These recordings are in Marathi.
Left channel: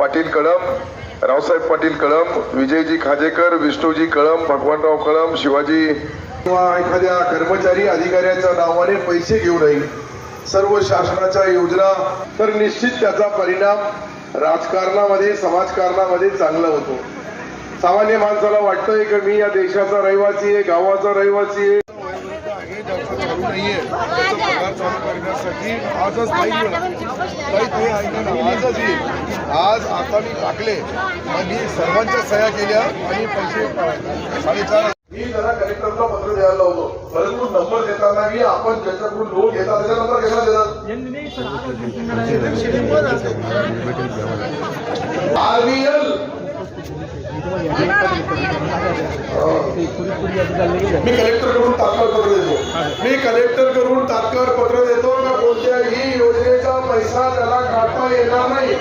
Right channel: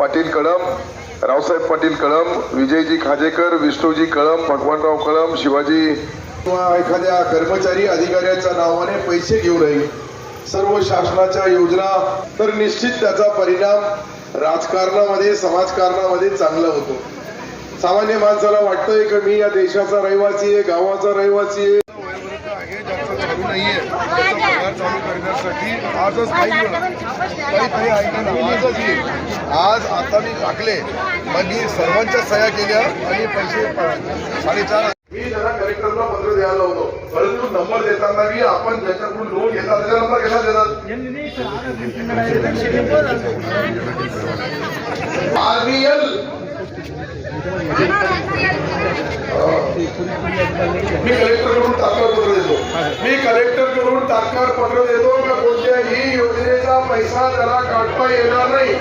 रावसाहेब पाटील कळम विजयजी खाजेकर विष्णूजी कळम भगवानराव कळम शिवाजी किंवा एखाद्या कर्मचारी अधिकाऱ्याच्या नावाने पैसे घेऊ नये सर्व शासनाच्या योजना तर निश्चित त्याचा परिणाम राजकारणामध्ये समाजकारणामध्ये चांगला होतो. सामान्य माणसाला वाटतंय की मी या देशाचा रहिवासी आहे गावाचा रहिवासी आहे चालू नाहीये. त्याचा पगार चालू करण्यासाठी आजच काही काही काही ऐका ना आजच येईल. आज आता मी टाकले. मग मी सर्वांच्या सह्या केल्या आणि पैसे साडेचार मी जरा कलेक्टरला पत्र द्यायला लावतो. परंतु नंबर देताना मी आपण ज्याच्याकडून लोन घेतात त्याचा नंबर घेतला देतात आरबीएल मी कलेक्टरकडून तात्काळ पत्र देतो मी कलेक्टरकडून तात्काळ पत्र देतो का कोणत्याही योजनेचा पैसा त्याला काढता येणार नाही?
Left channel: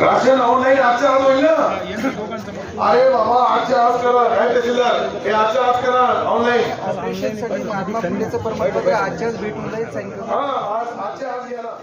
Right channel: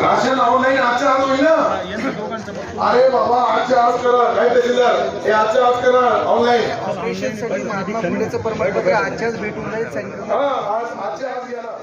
राशन ऑनलाईन आजच्या आज होईल ना? अरे बाबा आजच्या आज करा काय तहसीलदार हे आजच्या आज करा. ऑनलाईन ऑपरेशनसाठी महात्मा फुलेचं प्रमाणपत्र आजच्याच भेटून जाईल सांगितलं हा आज आजच्या आज ना